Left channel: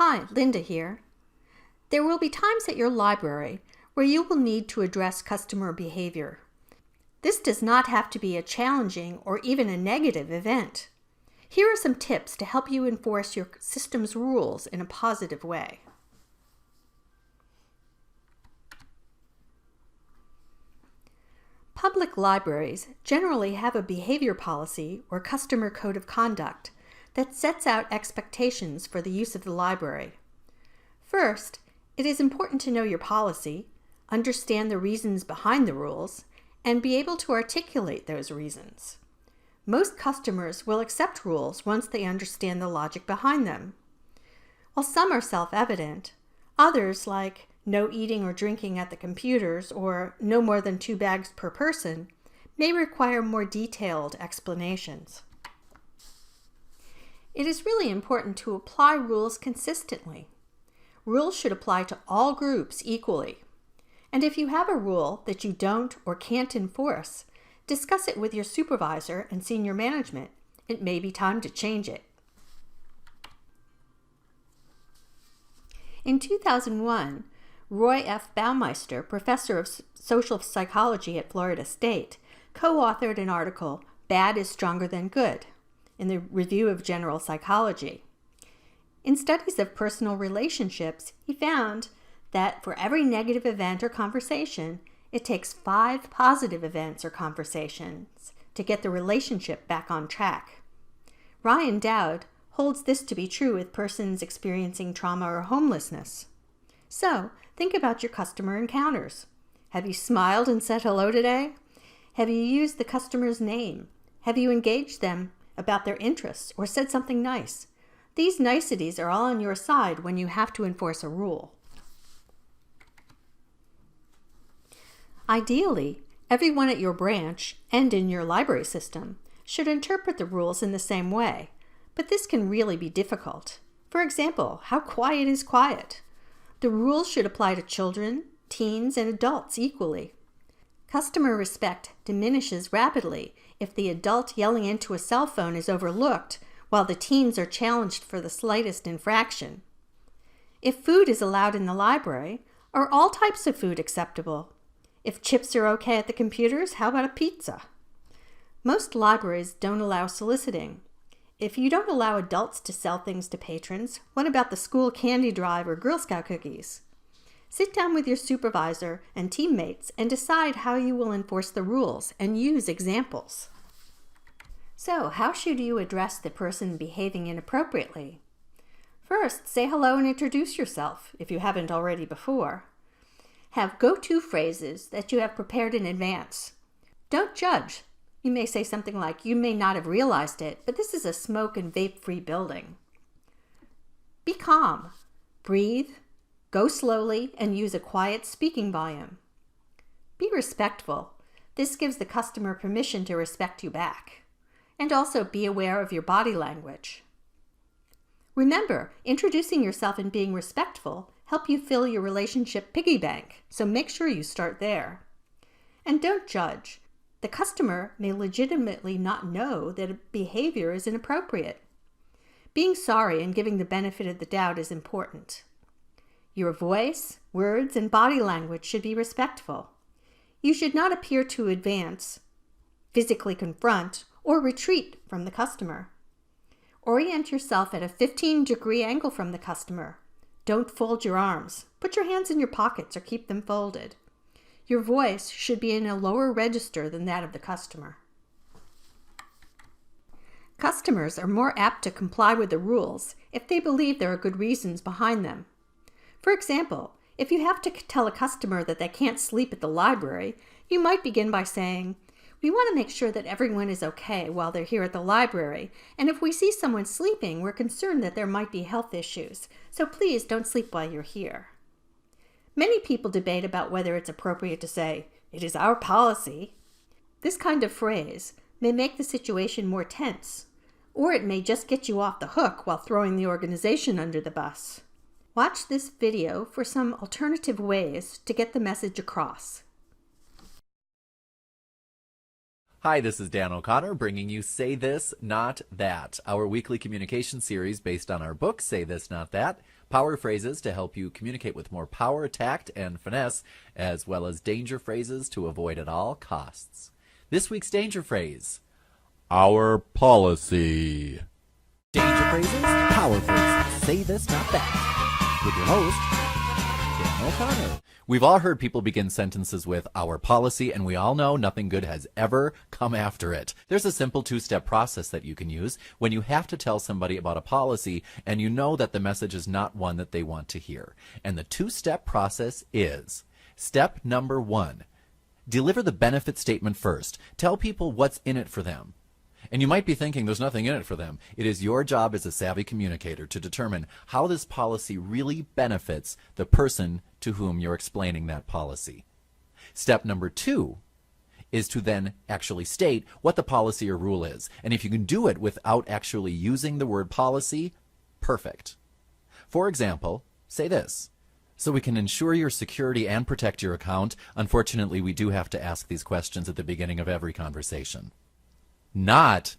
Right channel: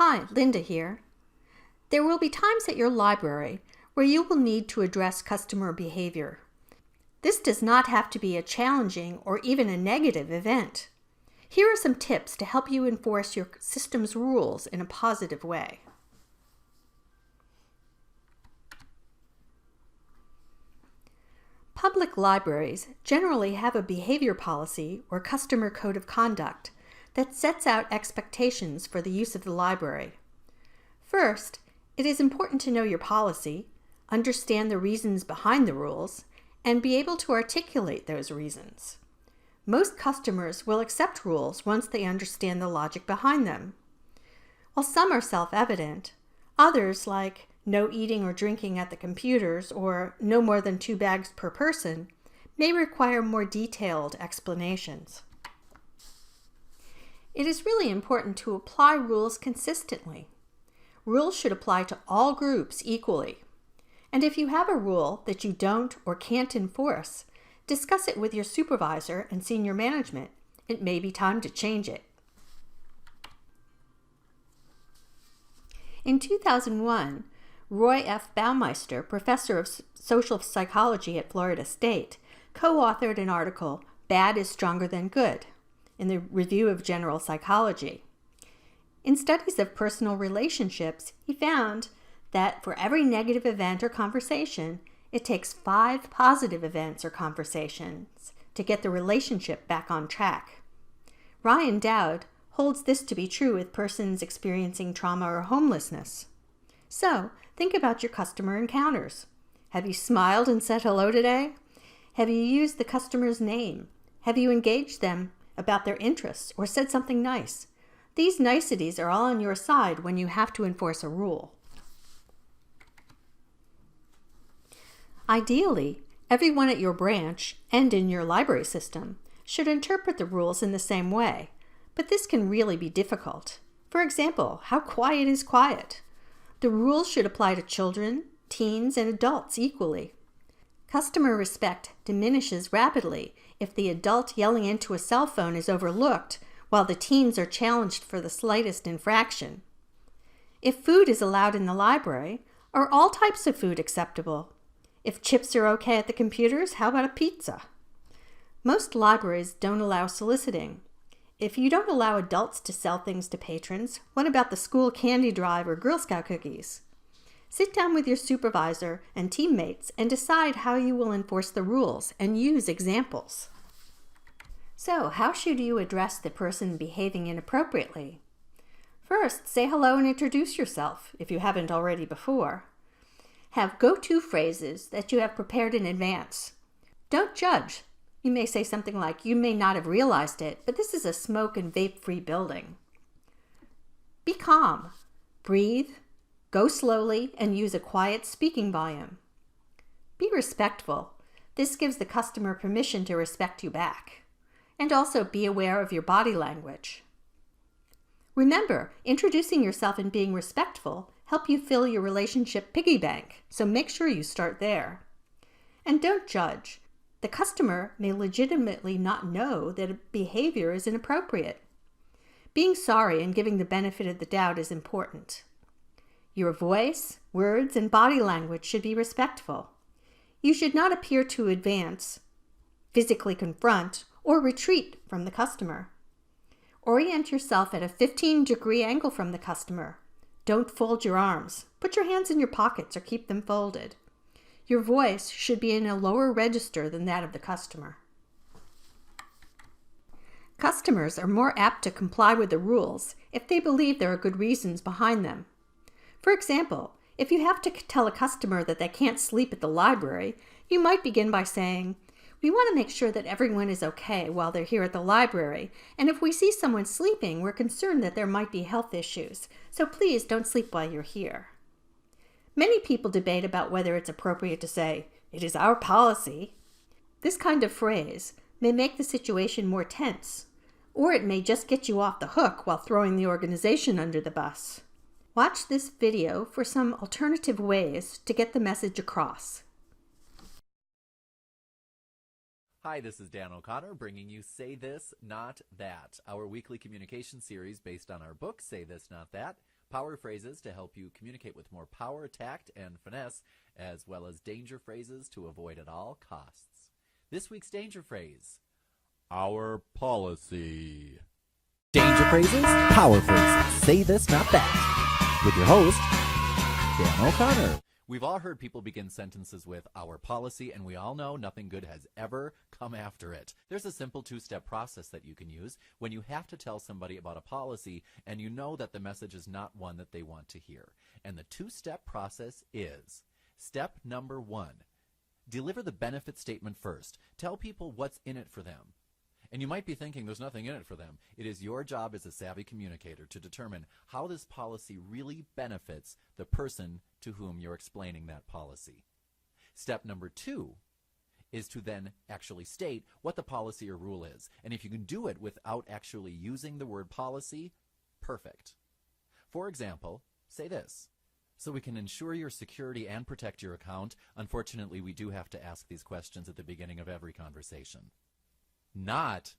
Hi, Linda here. There will be times at your library where you will need to address customer behavior. This does not have to be a challenging or even a negative event. Here are some tips to help you enforce your system's rules in a positive way. Public libraries generally have a behavior policy or customer code of conduct that sets out expectations for the use of the library. First, it is important to know your policy, understand the reasons behind the rules, and be able to articulate those reasons. Most customers will accept rules once they understand the logic behind them. While some are self-evident, others, like no eating or drinking at the computers or no more than 2 bags per person, may require more detailed explanations. It is really important to apply rules consistently. Rules should apply to all groups equally. And if you have a rule that you don't or can't enforce, discuss it with your supervisor and senior management. It may be time to change it. In 2001, Roy F. Baumeister, professor of social psychology at Florida State, co-authored an article, "Bad is Stronger Than Good," in the Review of General Psychology. In studies of personal relationships, he found that for every negative event or conversation, it takes 5 positive events or conversations to get the relationship back on track. Ryan Dowd holds this to be true with persons experiencing trauma or homelessness. So, think about your customer encounters. Have you smiled and said hello today? Have you used the customer's name? Have you engaged them about their interests or said something nice? These niceties are all on your side when you have to enforce a rule. Ideally, everyone at your branch and in your library system should interpret the rules in the same way, but this can really be difficult. For example, how quiet is quiet? The rules should apply to children, teens, and adults equally. Customer respect diminishes rapidly if the adult yelling into a cell phone is overlooked while the teens are challenged for the slightest infraction. If food is allowed in the library, are all types of food acceptable? If chips are okay at the computers, how about a pizza? Most libraries don't allow soliciting. If you don't allow adults to sell things to patrons, what about the school candy drive or Girl Scout cookies? Sit down with your supervisor and teammates and decide how you will enforce the rules and use examples. So, how should you address the person behaving inappropriately? First, say hello and introduce yourself, if you haven't already before. Have go-to phrases that you have prepared in advance. Don't judge. You may say something like, "You may not have realized it, but this is a smoke and vape-free building." Be calm. Breathe. Go slowly and use a quiet speaking volume. Be respectful. This gives the customer permission to respect you back. And also be aware of your body language. Remember, introducing yourself and being respectful help you fill your relationship piggy bank, so make sure you start there. And don't judge. The customer may legitimately not know that a behavior is inappropriate. Being sorry and giving the benefit of the doubt is important. Your voice, words, and body language should be respectful. You should not appear to advance, physically confront, or retreat from the customer. Orient yourself at a 15-degree angle from the customer. Don't fold your arms. Put your hands in your pockets or keep them folded. Your voice should be in a lower register than that of the customer. Customers are more apt to comply with the rules if they believe there are good reasons behind them. For example, if you have to tell a customer that they can't sleep at the library, you might begin by saying, "We want to make sure that everyone is okay while they're here at the library, and if we see someone sleeping, we're concerned that there might be health issues, so please don't sleep while you're here." Many people debate about whether it's appropriate to say, "It is our policy." This kind of phrase may make the situation more tense, or it may just get you off the hook while throwing the organization under the bus. Watch this video for some alternative ways to get the message across. Hi, this is Dan O'Connor bringing you Say This, Not That, our weekly communication series based on our book, Say This, Not That, Power phrases to help you communicate with more power, tact, and finesse, as well as danger phrases to avoid at all costs. This week's danger phrase: our policy. Danger phrases, power phrases, say this, not that. With your host, Dan O'Connor. We've all heard people begin sentences with our policy, and we all know nothing good has ever come after it. There's a simple two-step process that you can use when you have to tell somebody about a policy and you know that the message is not one that they want to hear. And the two-step process is: step number 1, deliver the benefit statement first. Tell people what's in it for them. And you might be thinking there's nothing in it for them. It is your job as a savvy communicator to determine how this policy really benefits the person to whom you're explaining that policy. Step number 2 is to then actually state what the policy or rule is. And if you can do it without actually using the word policy, perfect. For example, say this: so we can ensure your security and protect your account. Unfortunately, we do have to ask these questions at the beginning of every conversation. Not,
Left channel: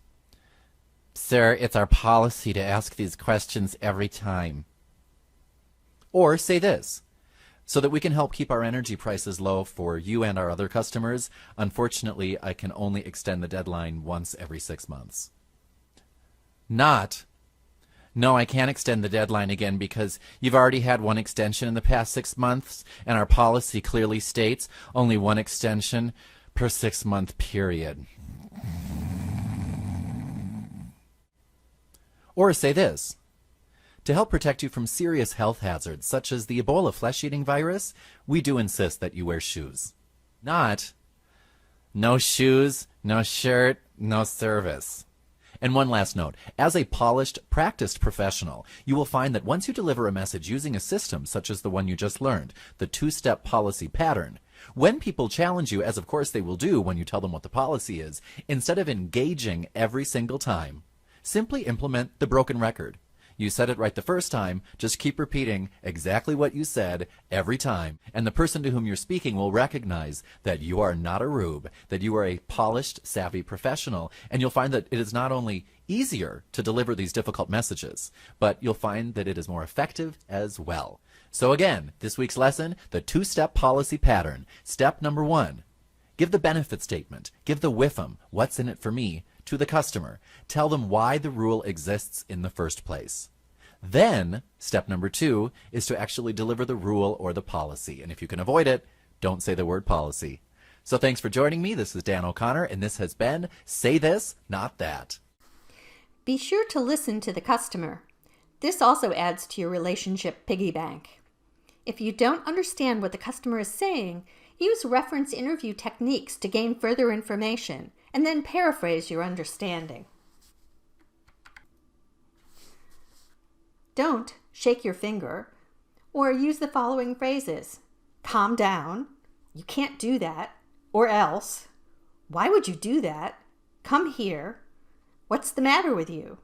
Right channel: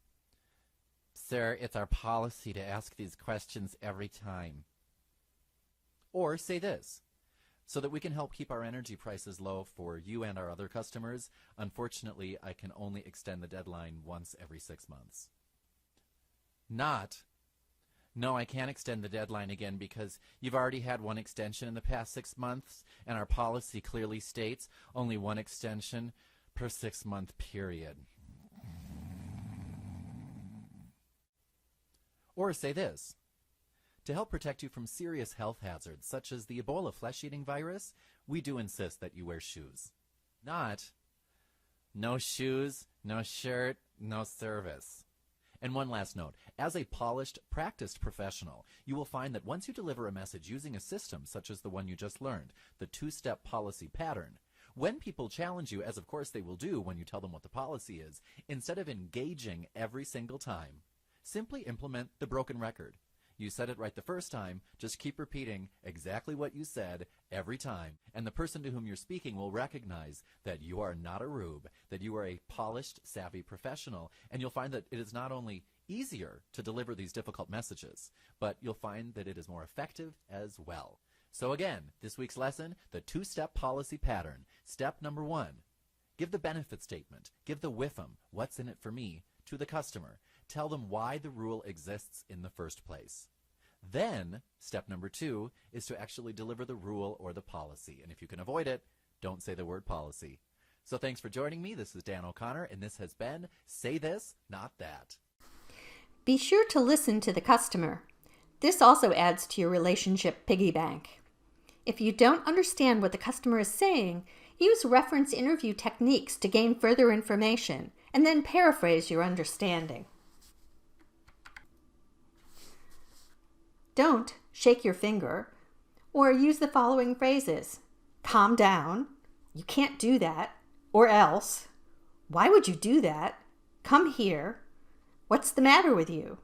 sir, it's our policy to ask these questions every time. Or say this: so that we can help keep our energy prices low for you and our other customers, unfortunately, I can only extend the deadline once every 6 months. Not, no, I can't extend the deadline again because you've already had one extension in the past 6 months, and our policy clearly states only one extension per 6-month period. Or say this: to help protect you from serious health hazards such as the Ebola flesh-eating virus, we do insist that you wear shoes. Not, no shoes, no shirt, no service. And one last note: as a polished, practiced professional, you will find that once you deliver a message using a system such as the one you just learned, the two-step policy pattern, when people challenge you, as of course they will do when you tell them what the policy is, instead of engaging every single time, simply implement the broken record. You said it right the first time, just keep repeating exactly what you said every time, and the person to whom you're speaking will recognize that you are not a rube, that you are a polished, savvy professional, and you'll find that it is not only easier to deliver these difficult messages, but you'll find that it is more effective as well. So again, this week's lesson: the two-step policy pattern. Step number 1, give the benefit statement, give the WIFM, what's in it for me, to the customer. Tell them why the rule exists in the first place. Then, step number 2 is to actually deliver the rule or the policy. And if you can avoid it, don't say the word policy. So thanks for joining me. This is Dan O'Connor, and this has been Say This, Not That. Be sure to listen to the customer. This also adds to your relationship piggy bank. If you don't understand what the customer is saying, use reference interview techniques to gain further information, and then paraphrase your understanding. Don't shake your finger, or use the following phrases: calm down, you can't do that, or else, why would you do that, come here, what's the matter with you?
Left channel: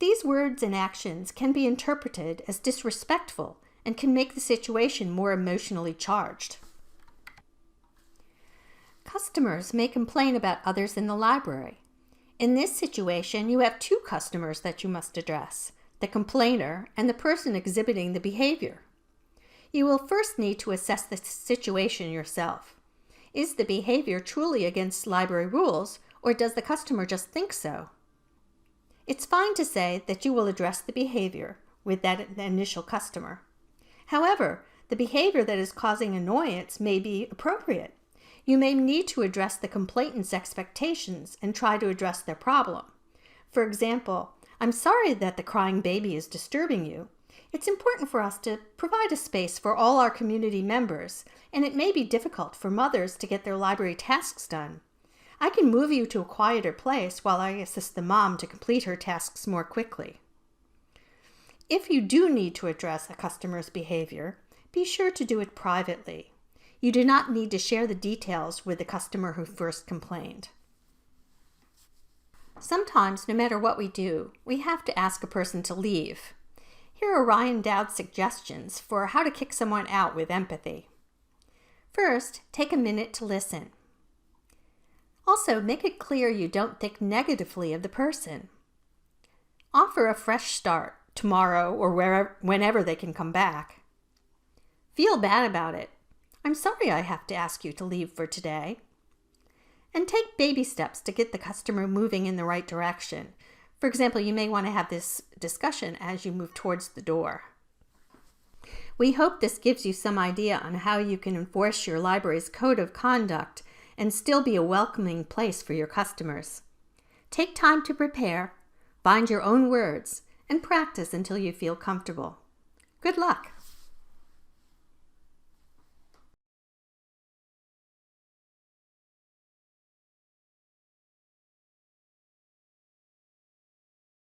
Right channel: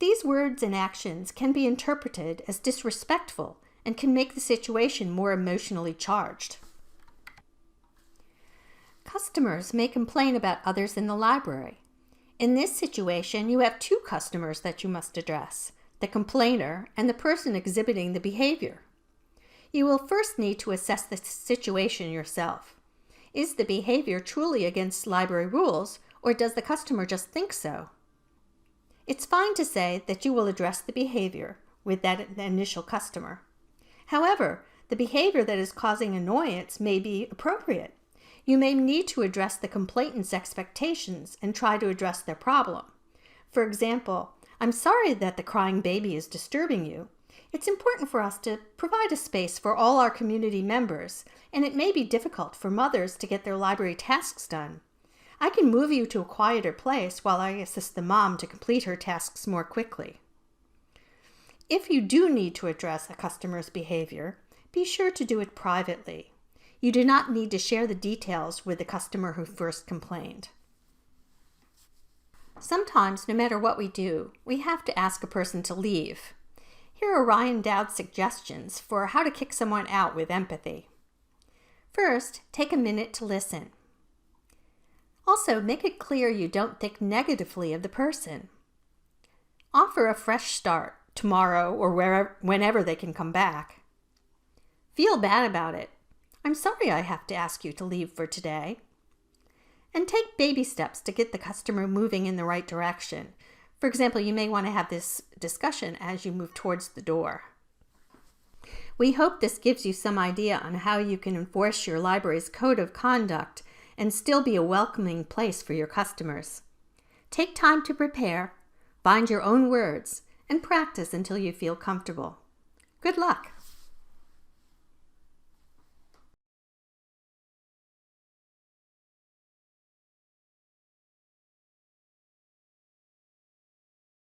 These words and actions can be interpreted as disrespectful and can make the situation more emotionally charged. Customers may complain about others in the library. In this situation, you have 2 customers that you must address: the complainer and the person exhibiting the behavior. You will first need to assess the situation yourself. Is the behavior truly against library rules, or does the customer just think so? It's fine to say that you will address the behavior with that initial customer. However, the behavior that is causing annoyance may be appropriate. You may need to address the complainant's expectations and try to address their problem. For example, I'm sorry that the crying baby is disturbing you. It's important for us to provide a space for all our community members, and it may be difficult for mothers to get their library tasks done. I can move you to a quieter place while I assist the mom to complete her tasks more quickly. If you do need to address a customer's behavior, be sure to do it privately. You do not need to share the details with the customer who first complained. Sometimes, no matter what we do, we have to ask a person to leave. Here are Ryan Dowd's suggestions for how to kick someone out with empathy. First, take a minute to listen. Also, make it clear you don't think negatively of the person. Offer a fresh start. tomorrow or whenever they can come back. Feel bad about it. I'm sorry I have to ask you to leave for today. And take baby steps to get the customer moving in the right direction. For example, you may want to have this discussion as you move towards the door. We hope this gives you some idea on how you can enforce your library's code of conduct and still be a welcoming place for your customers. Take time to prepare, find your own words, and practice until you feel comfortable. Good luck!